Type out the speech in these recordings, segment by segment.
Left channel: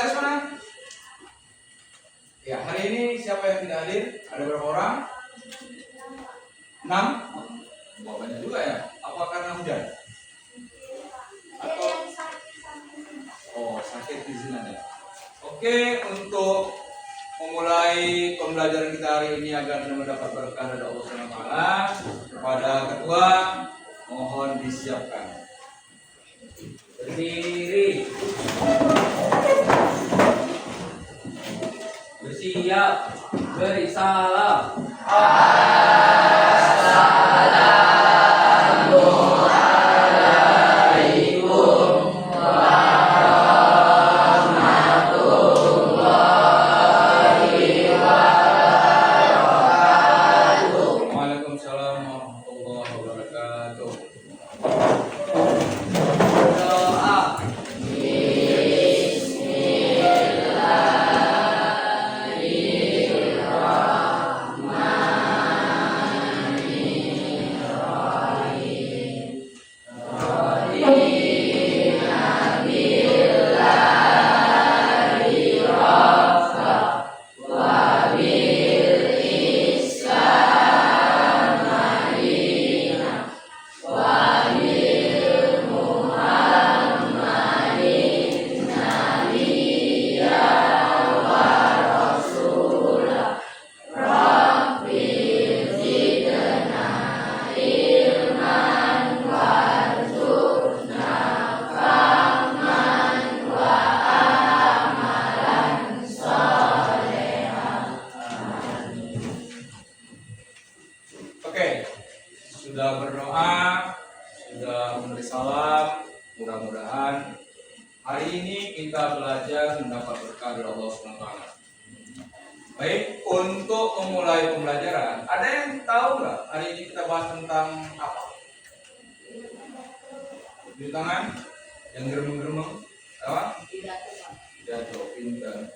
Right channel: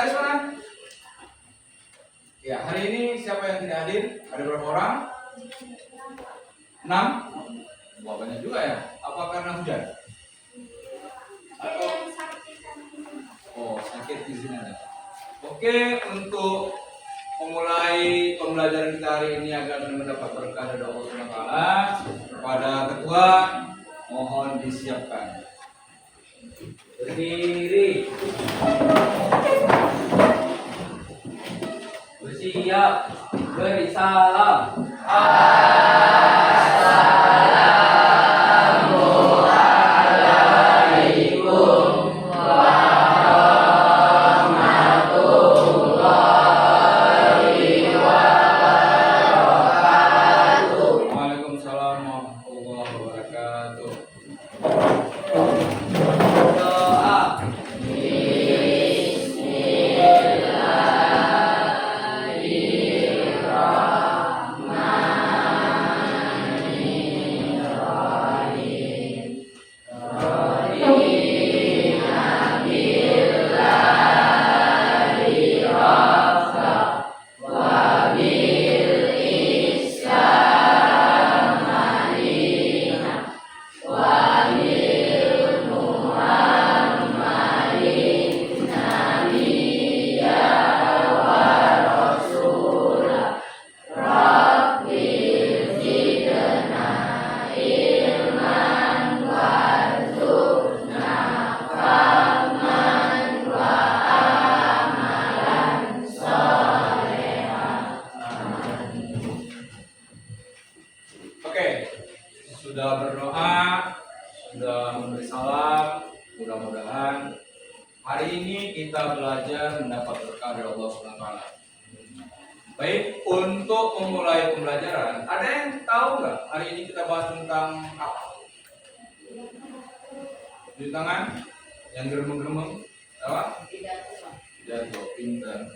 Sekretaris mana? Ya, hari ini siapa yang tidak hadir? Ada berapa orang? 6? Wah, banyak juga ya. Apa karena hujan? Atau sakit di sini ada. Oke, untuk memulai pembelajaran kita hari ini agar mendapat berkah dari Allah SWT, kepada ketua mohon disiapkan. Berdiri. Bersiap. Beri salam. Sudah berdoa, sudah memberi salam, mudah-mudahan hari ini kita belajar mendapat berkah dari Allah SWT. Baik, untuk memulai pembelajaran, ada yang tahu nggak hari ini kita bahas tentang apa? Di tangan yang geremeng-geremeng, apa? Pidato, pintar.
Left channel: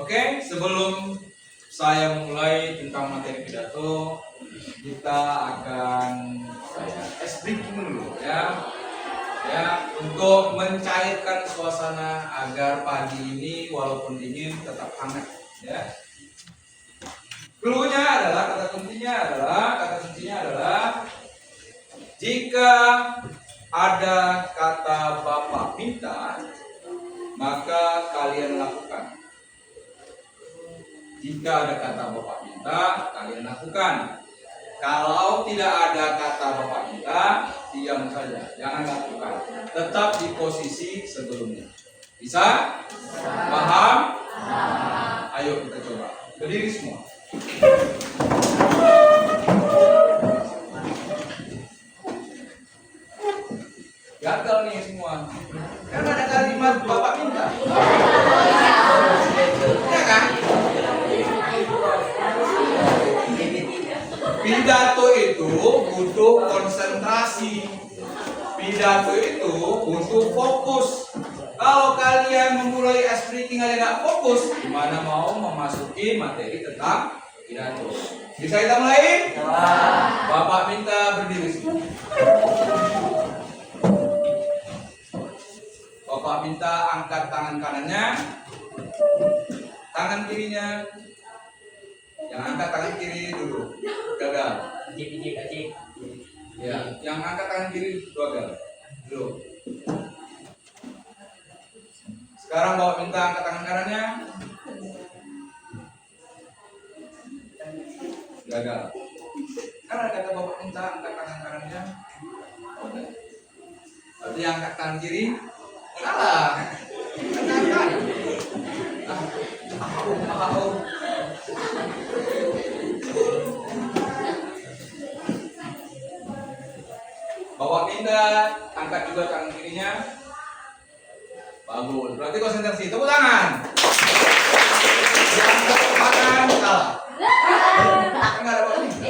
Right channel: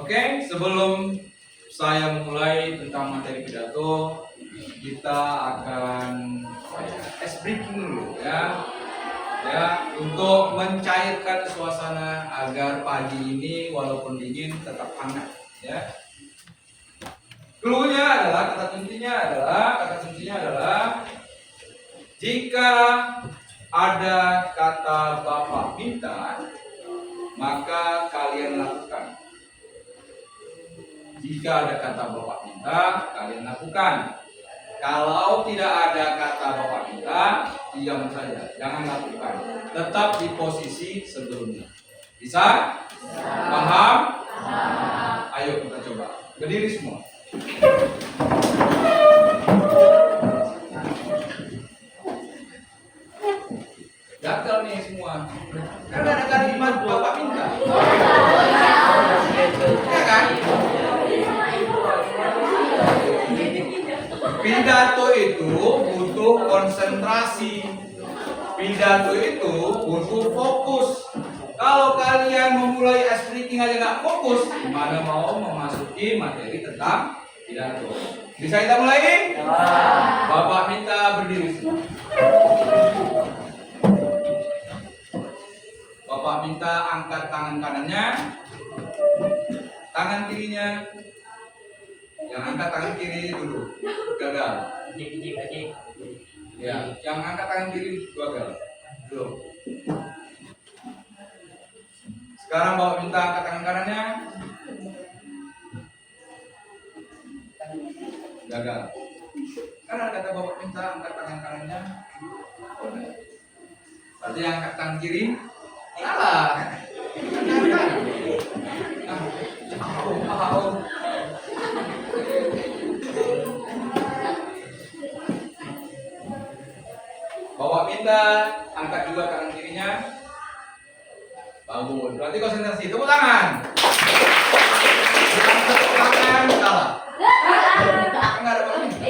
Oke, sebelum saya memulai tentang materi pidato, kita akan ice breaking dulu ya, untuk mencairkan suasana agar pagi ini walaupun dingin tetap hangat ya. Cluenya adalah, kata kuncinya adalah jika ada kata Bapak minta, maka kalian lakukan. Jika ada kata Bapak minta, kalian lakukan. Kalau tidak ada kata Bapak minta, diam saja, jangan lakukan. Tetap di posisi sebelumnya. Bisa? Paham? Ayo kita coba. Berdiri semua. Gagal nih semua. Karena ada kalimat Bapak minta. Ya kan? Pidato itu butuh konsentrasi. Pidato itu butuh fokus. Kalau kalian memulai ice breaking aja nggak fokus, gimana mau memasuki materi tentang pidato? Bisa kita mulai? Bapak minta berdiri. Bapak minta angkat tangan kanannya, tangan kirinya. Yang angkat tangan kiri dulu, gagal. Ya, yang angkat tangan kiri gagal. Dulu. Sekarang Bapak minta angkat tangan kanannya. Gagal. Karena kata Bapak minta angkat tangan kanannya. Berarti yang angkat tangan kiri salah. Bapak minta angkat juga tangan kirinya. Bagus. Berarti konsentrasi. Tepuk tangan. Yang tepuk tangan salah. Enggak ada Bapak minta.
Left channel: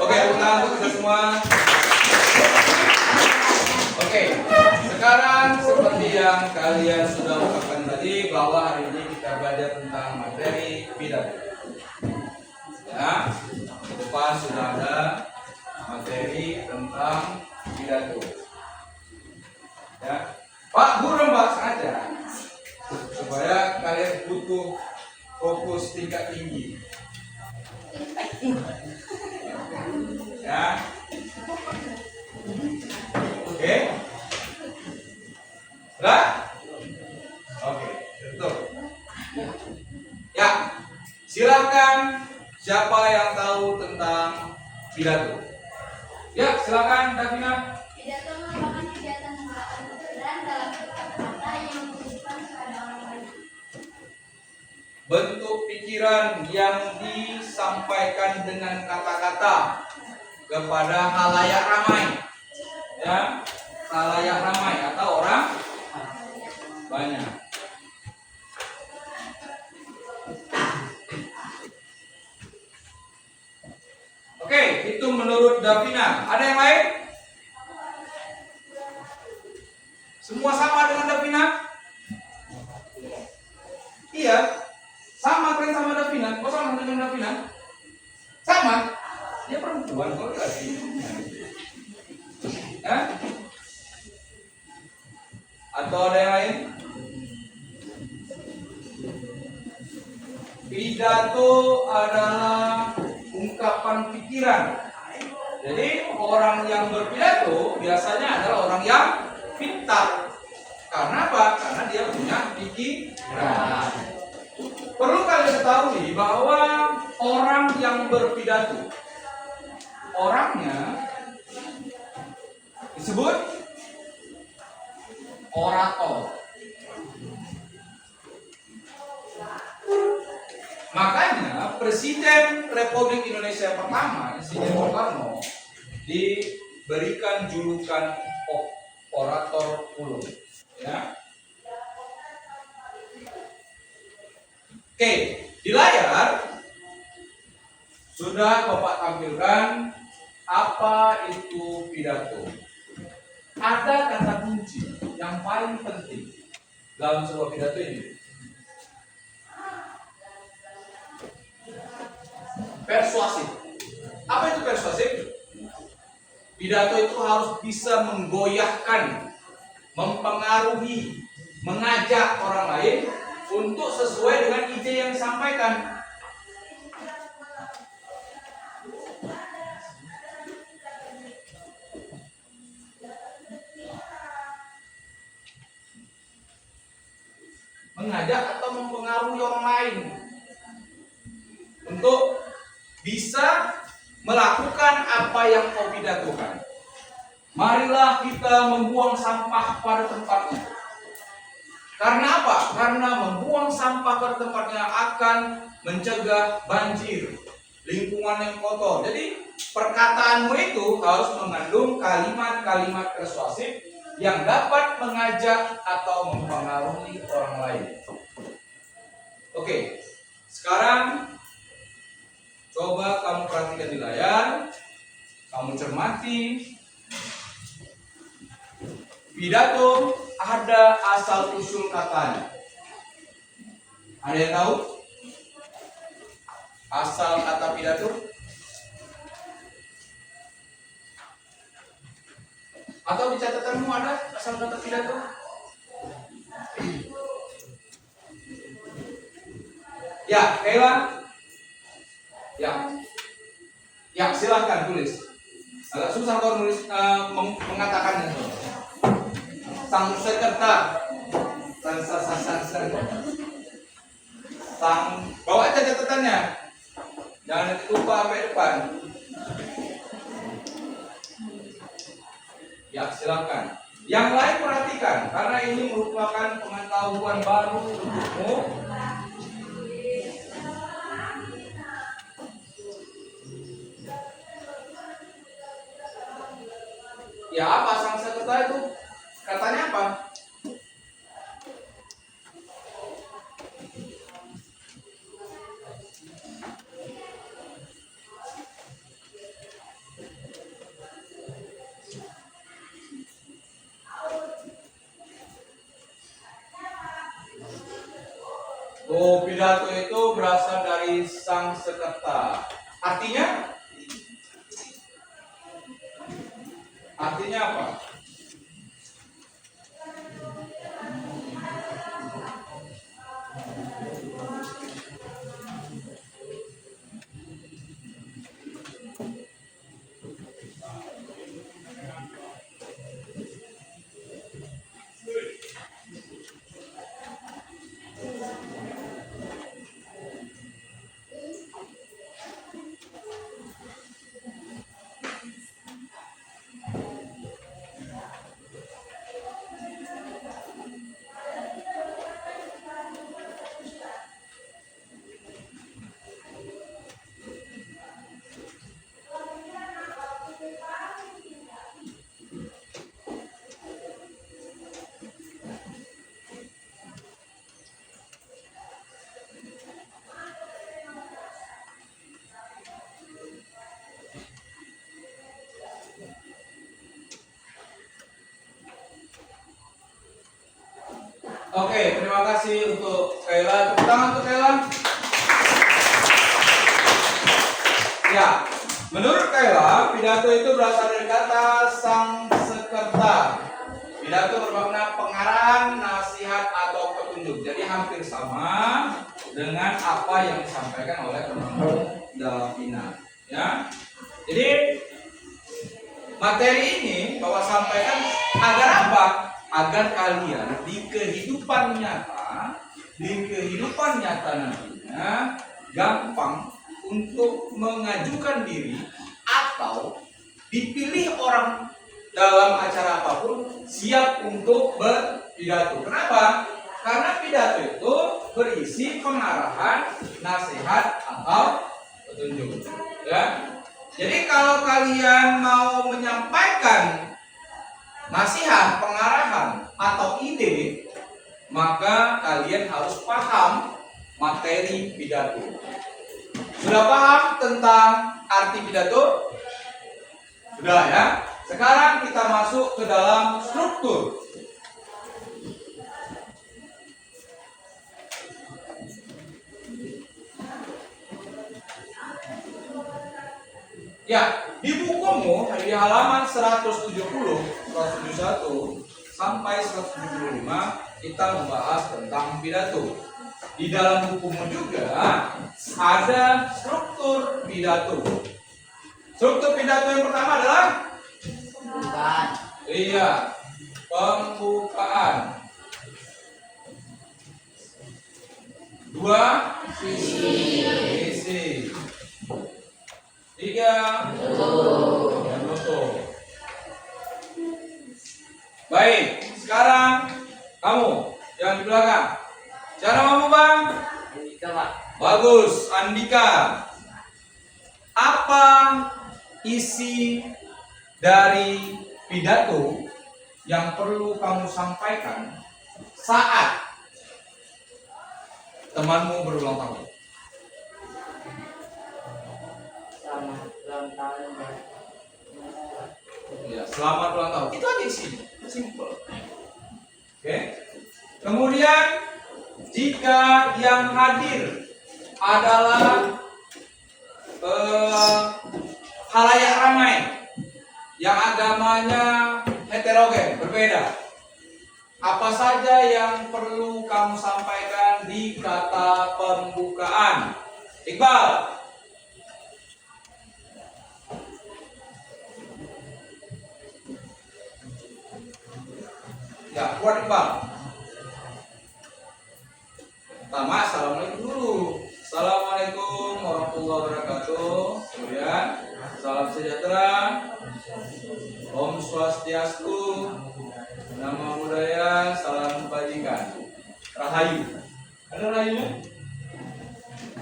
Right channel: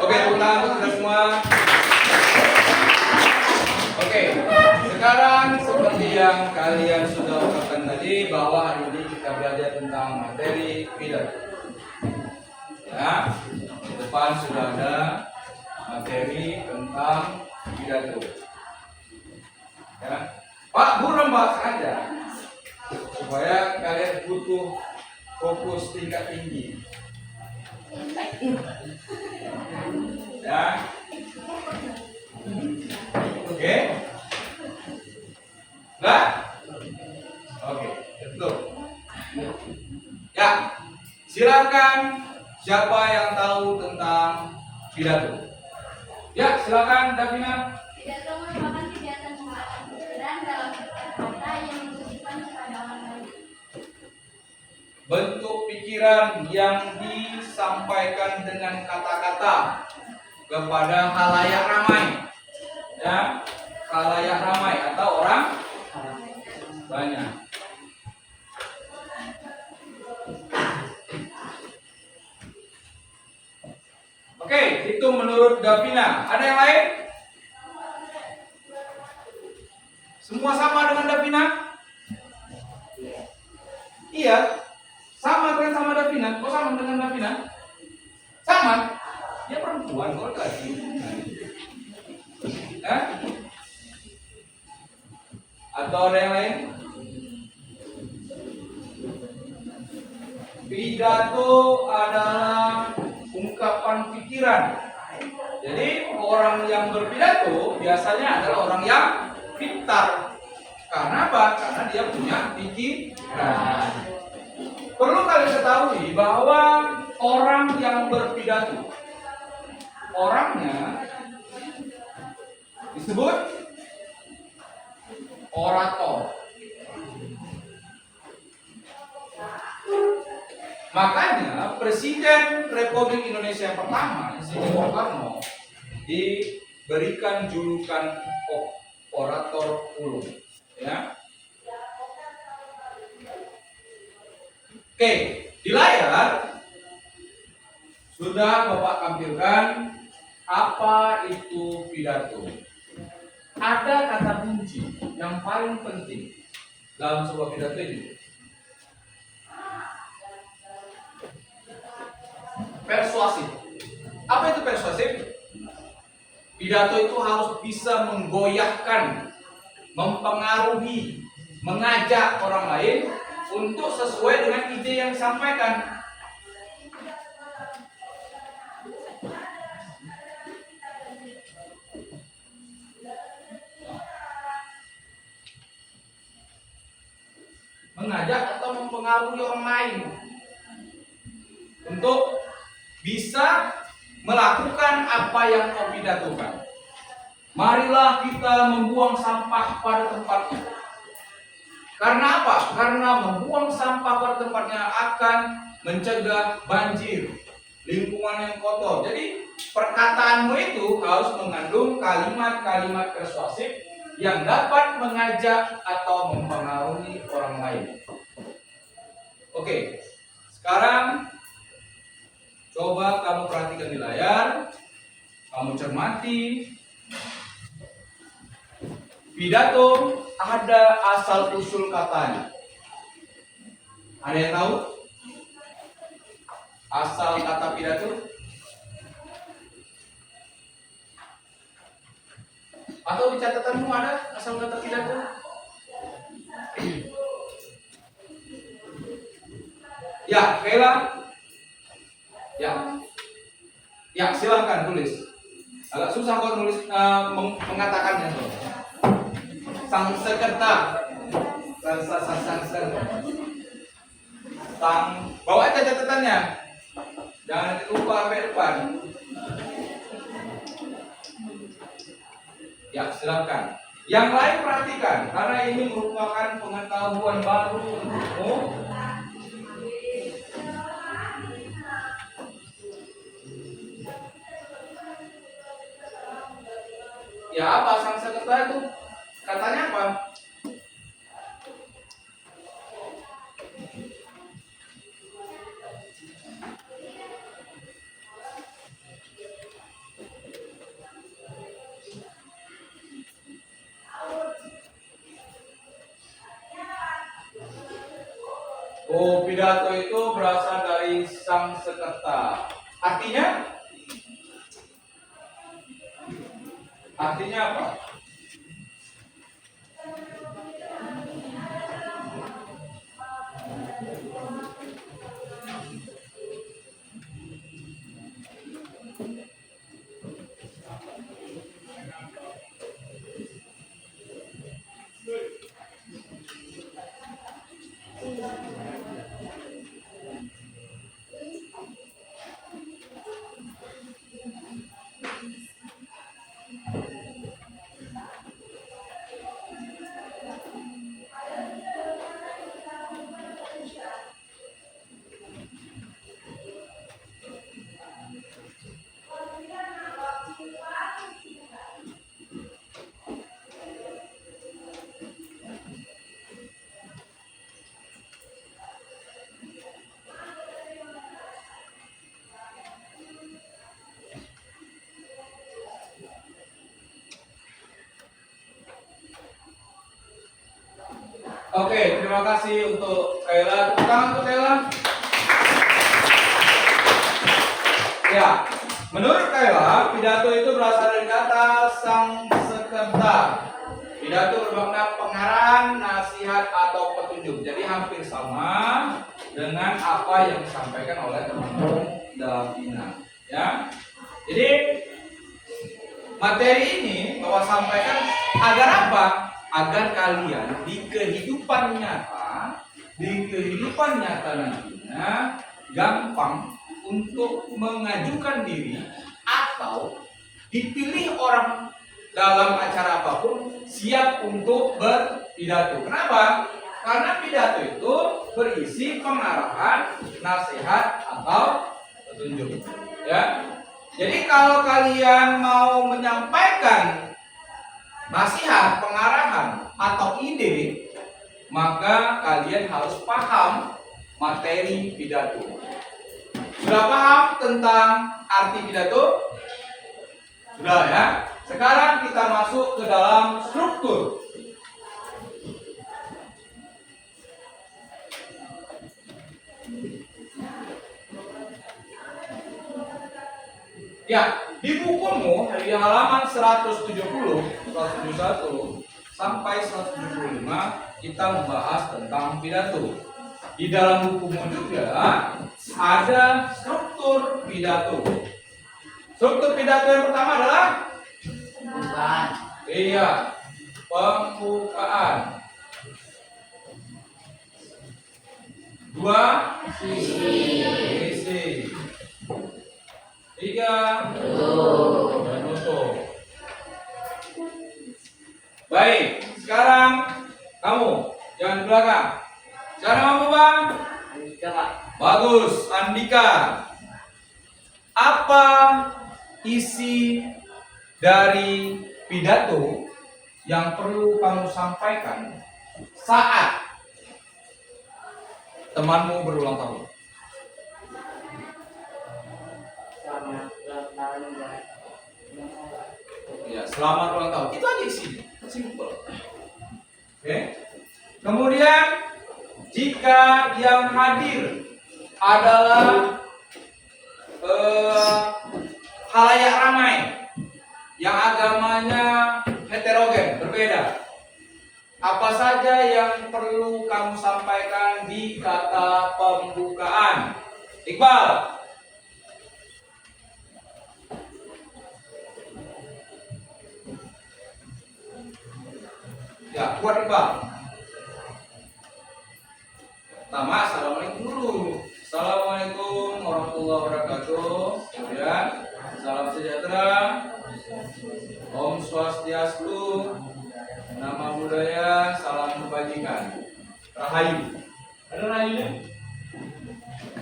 Oke, ulang untuk kita semua. Oke, sekarang seperti yang kalian sudah ucapkan tadi bahwa hari ini kita belajar tentang materi pidato. Ya, di depan sudah ada materi tentang pidato. Ya, Pak Guru membahas aja supaya kalian butuh fokus tingkat tinggi. Ya, oke, lah, oke, betul. Ya, silakan siapa yang tahu tentang pidato? Ya, silakan Davina. Pidato merupakan kegiatan mengungkapkan pikiran dalam kata yang ditujukan kepada orang lain. Bentuk pikiran yang disampaikan dengan kata-kata kepada halayak ramai, ya, halayak ramai atau orang banyak. Oke, itu menurut Davina. Ada yang lain? Semua sama dengan Davina? Iya. Sama kan sama Davina? Kok sama dengan Davina? Sama? Dia perempuan kok lagi. Atau ada yang lain? Pidato adalah ungkapan pikiran. Jadi orang yang berpidato biasanya adalah orang yang pintar. Karena apa? Karena dia punya pikiran. Perlu kalian ketahui bahwa orang yang berpidato, orangnya disebut orator. Makanya Presiden Republik Indonesia pertama, Insinyur Soekarno, diberikan julukan orator ulung. Ya. Oke, di layar sudah Bapak tampilkan apa itu pidato. Ada kata kunci yang paling penting dalam sebuah pidato ini. Persuasif. Apa itu persuasif? Pidato itu harus bisa menggoyahkan, mempengaruhi, mengajak orang lain untuk sesuai dengan ide yang disampaikan. Mengajak atau mempengaruhi orang lain untuk bisa melakukan apa yang kau pidatokan. Marilah kita membuang sampah pada tempatnya. Karena apa? Karena membuang sampah pada tempatnya akan mencegah banjir, lingkungan yang kotor. Jadi perkataanmu itu harus mengandung kalimat-kalimat persuasif yang dapat mengajak atau mempengaruhi orang lain. Oke, sekarang coba kamu perhatikan di layar, kamu cermati. Pidato ada asal usul katanya. Ada yang tahu asal kata pidato? Atau di catatanmu ada asal kata pidato? Ya, Kayla. Ya, silahkan tulis. Agak susah kau nulis mengatakannya. Sang sekerta, bawa aja catatannya. Jangan nanti lupa sampai depan. Ya, silakan. Yang lain perhatikan, karena ini merupakan pengetahuan baru untukmu. Ya, apa sang sekerta itu? Katanya apa? Oh, pidato itu berasal dari sang sekerta. Artinya Artinya apa? Oke, terima kasih untuk Kayla. Tepuk tangan untuk Kayla. Ya, menurut Kayla, pidato itu berasal dari kata sang sekerta. Pidato bermakna pengarahan, nasihat atau petunjuk. Jadi hampir sama dengan apa yang disampaikan oleh teman-teman Davina. Ya, jadi materi ini Bapak sampaikan agar apa? Agar kalian di kehidupan nyata nantinya gampang untuk mengajukan diri atau dipilih orang dalam acara apapun siap untuk berpidato. Kenapa? Karena pidato itu berisi pengarahan, nasihat atau petunjuk. Ya. Jadi kalau kalian mau menyampaikan nasihat, pengarahan, atau ide, maka kalian harus paham materi pidato. Sudah paham tentang arti pidato? Sudah ya? Sekarang kita masuk ke dalam struktur. Ya, di bukumu di halaman 170, 171 sampai 175 kita membahas tentang pidato. Di dalam bukumu juga ada struktur pidato. Struktur pidato yang pertama adalah Pembukaan. Iya, pembukaan. 2, isi. 3, menutup. Baik, sekarang kamu yang di belakang. Cara kamu bang? Andika, Pak. Bagus, Andika. Apa isi dari pidato yang perlu kamu sampaikan saat temanmu berulang tahun? Selamat ulang tahun ya. Ya, selamat ulang tahun. Itu aja isinya, simple. Oke. Kemudian jika yang hadir adalah halayak ramai yang agamanya heterogen, berbeda, apa saja yang perlu kamu sampaikan di kata pembukaan? Iqbal. Ya, kuat Iqbal. Pertama, assalamualaikum dulu. Assalamualaikum warahmatullahi wabarakatuh. Kemudian, salam sejahtera. Om Swastiastu. Nama budaya, salam kebajikan. Rahayu. Ada rahayunya?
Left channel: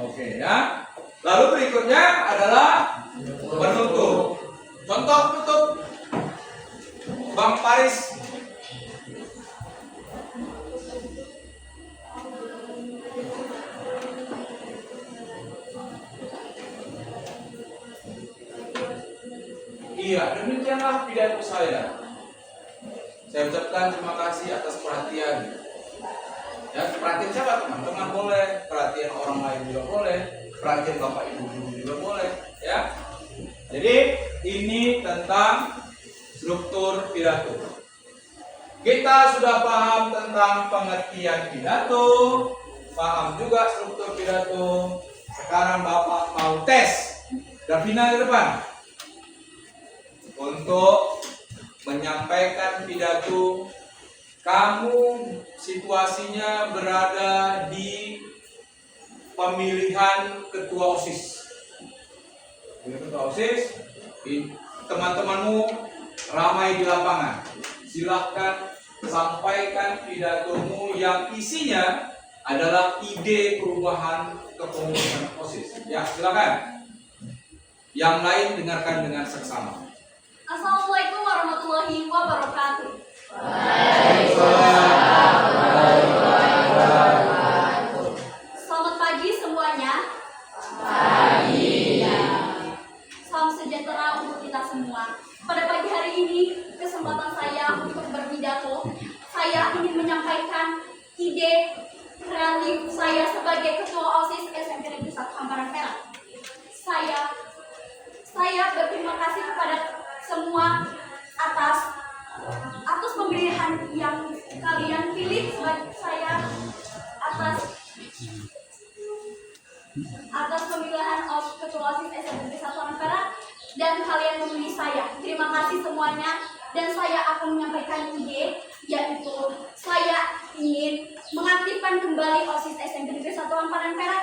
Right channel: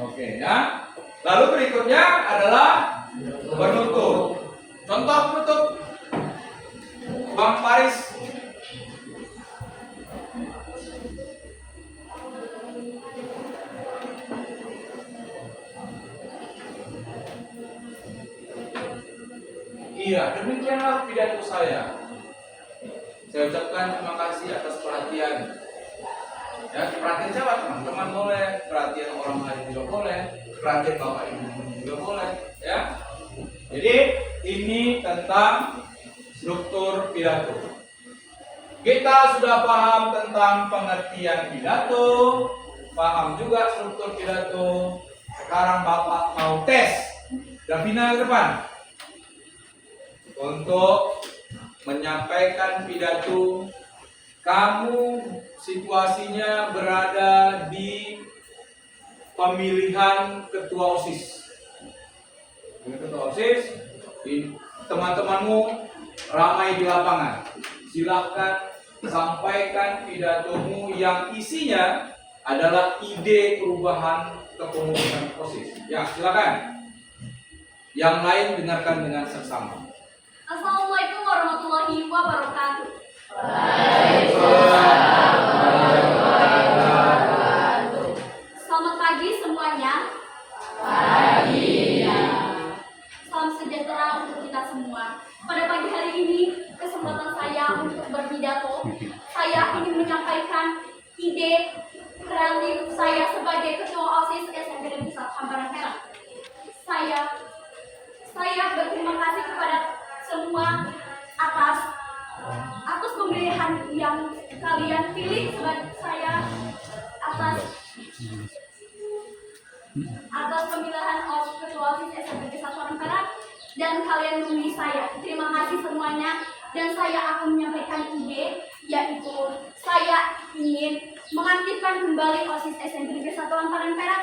Oke ya. Lalu berikutnya adalah penutup. Contoh penutup. Bang Paris. Iya, demikianlah pidato saya. Saya ucapkan terima kasih atas perhatian. Ya, perhatian siapa teman-teman boleh, perhatian orang lain juga boleh, perhatian bapak ibu juga boleh. Ya, jadi ini tentang struktur pidato. Kita sudah paham tentang pengertian pidato, paham juga struktur pidato. Sekarang Bapak mau tes Davina ke depan untuk menyampaikan pidato. Kamu situasinya berada di pemilihan ketua OSIS. Ketua OSIS, teman-temanmu ramai di lapangan. Silakan sampaikan pidatomu yang isinya adalah ide perubahan kepengurusan OSIS. Ya, silakan. Yang lain dengarkan dengan seksama. Assalamualaikum warahmatullahi wabarakatuh. Selamat pagi semuanya. Ya. Salam sejahtera untuk kita semua. Pada pagi hari ini, kesempatan saya untuk berpidato. Saya ingin menyampaikan ide kreatif saya sebagai ketua OSIS SMP Negeri 1 Hambaran Perak. Saya berterima kasih kepada semua atas pemilihan yang kalian pilih sebagai saya atas pemilihan ketua OSIS SMP Negeri 1 Hambaran Perak dan kalian memilih saya. Terima kasih semuanya dan saya akan menyampaikan ide, yaitu saya ingin mengaktifkan kembali OSIS SMP Negeri 1 Hambaran Perak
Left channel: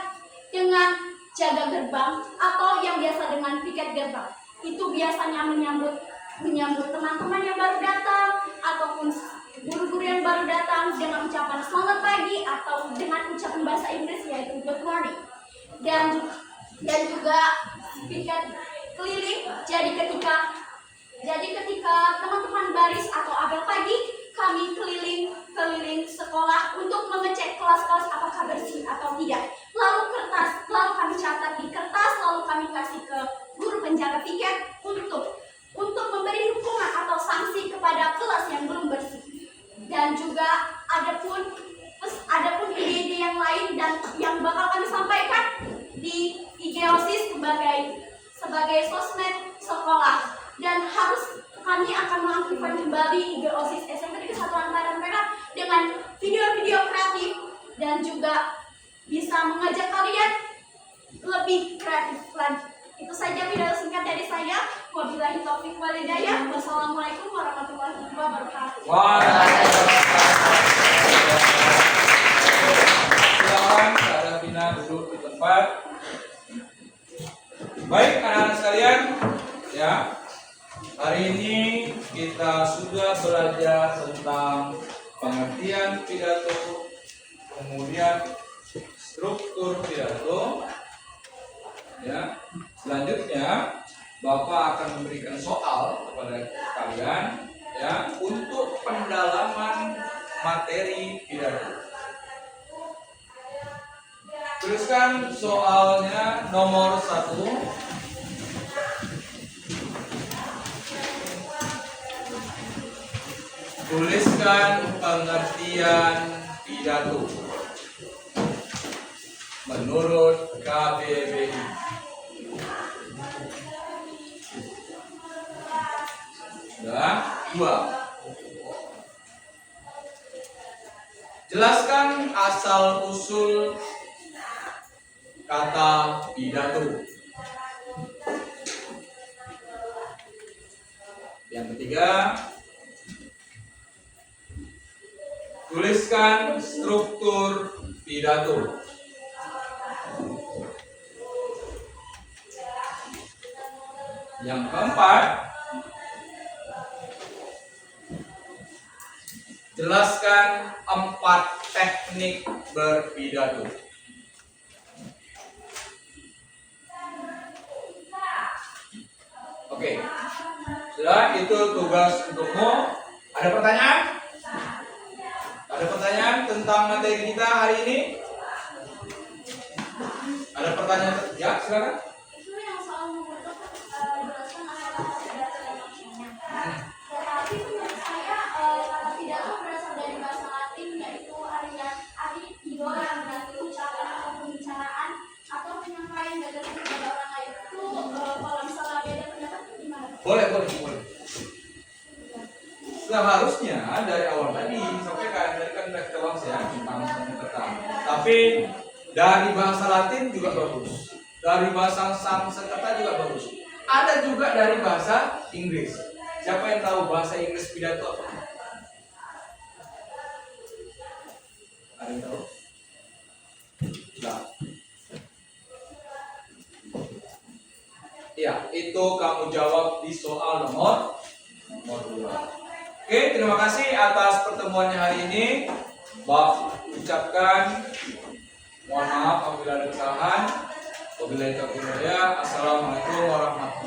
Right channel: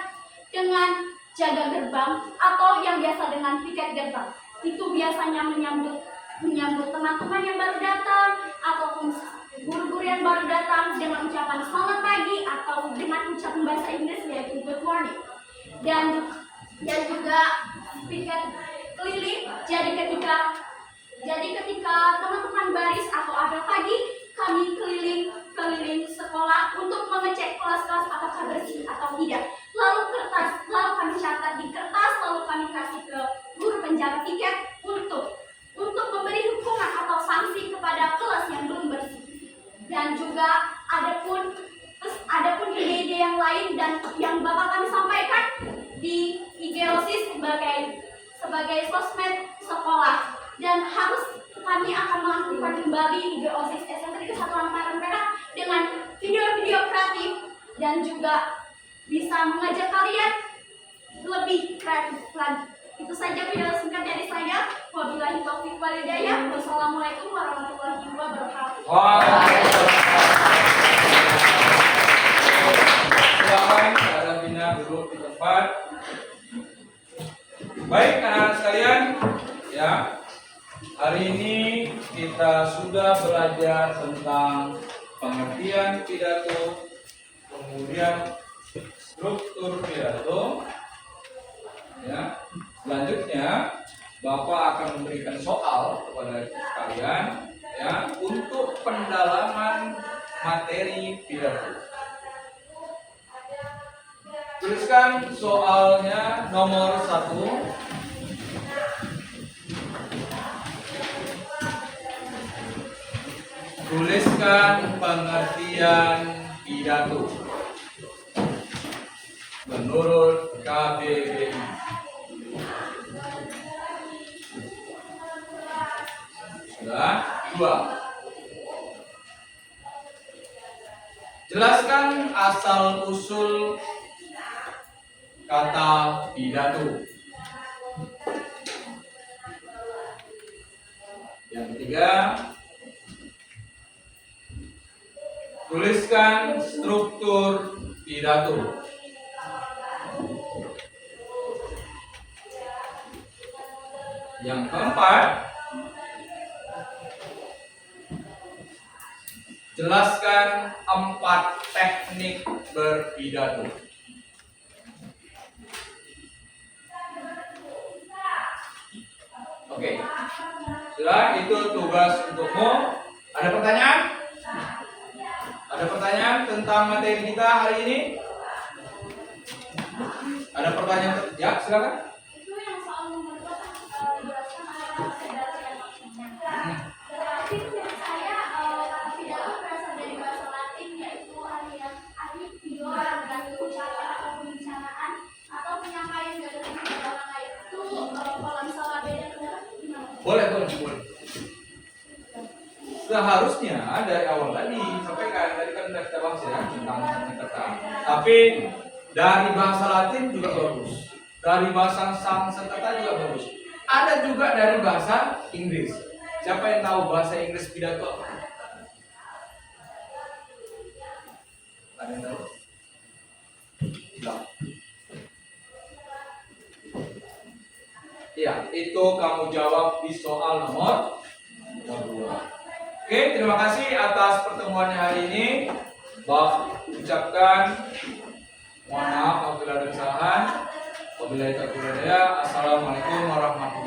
dengan jaga gerbang atau yang biasa dengan piket gerbang. Itu biasanya menyambut teman-teman yang baru datang ataupun guru-guru yang baru datang dengan ucapan selamat pagi atau dengan ucapan bahasa Inggris yaitu good morning. Dan juga piket keliling. Jadi ketika teman-teman baris atau apel pagi, kami keliling sekolah untuk mengecek kelas-kelas apakah bersih atau tidak. Lalu kami catat di kertas, lalu kami kasih ke guru penjaga piket untuk memberi hukuman atau sanksi kepada kelas yang belum bersih. Dan juga adapun ide-ide yang lain dan yang bakal kami sampaikan di IG OSIS sebagai sosmed sekolah, dan kami akan mengaktifkan kembali IG OSIS SMP Negeri 1 Hambaran Perak dengan video-video kreatif dan juga bisa mengajak kalian lebih kreatif lagi. Itu saja pidato singkat dari saya. Wabillahi taufiq wal hidayah. Wassalamualaikum warahmatullahi wabarakatuh. Silakan Kak Davina duduk di tempat. Baik anak-anak sekalian, ya. Hari ini kita sudah belajar tentang pengertian pidato, kemudian struktur pidato. Ya. Selanjutnya Bapak akan memberikan soal kepada kalian ya untuk pendalaman materi pidato. Tuliskan soalnya nomor 1. Tuliskan pengertian pidato menurut KBBI. Sudah. 2. Jelaskan asal usul kata pidato. Yang ketiga, tuliskan struktur pidato. Yang keempat, jelaskan 4 teknik berpidato. Oke, sudah itu tugas untukmu. Ada pertanyaan? Ada pertanyaan tentang materi kita hari ini? Ada pertanyaan? Ya, silakan. Itu yang soal nomor 2 jelaskan asal kata pidato dan maksudnya. Tetapi menurut saya kata pidato berasal dari bahasa Latin, yaitu arti idol yang berarti ucapan atau pembicaraan atau penyampaian gagasan kepada orang lain. Itu kalau misalnya beda pendapat gimana? Boleh. seharusnya dari awal tadi disampaikan tadi kan udah kita bahas ya tentang Sanskerta. Tapi dari bahasa Latin juga bagus, dari bahasa Sanskerta juga bagus. Ada juga dari bahasa Inggris. Siapa yang tahu bahasa Inggris pidato apa? Ada yang tahu? Tidak. Ya, itu kamu jawab di soal nomor 2. Oke, terima kasih atas pertemuannya hari ini. Ucapkan mohon maaf apabila ada kesalahan. Wabillahi taufiq wal hidayah. Assalamualaikum warahmatullahi wabarakatuh.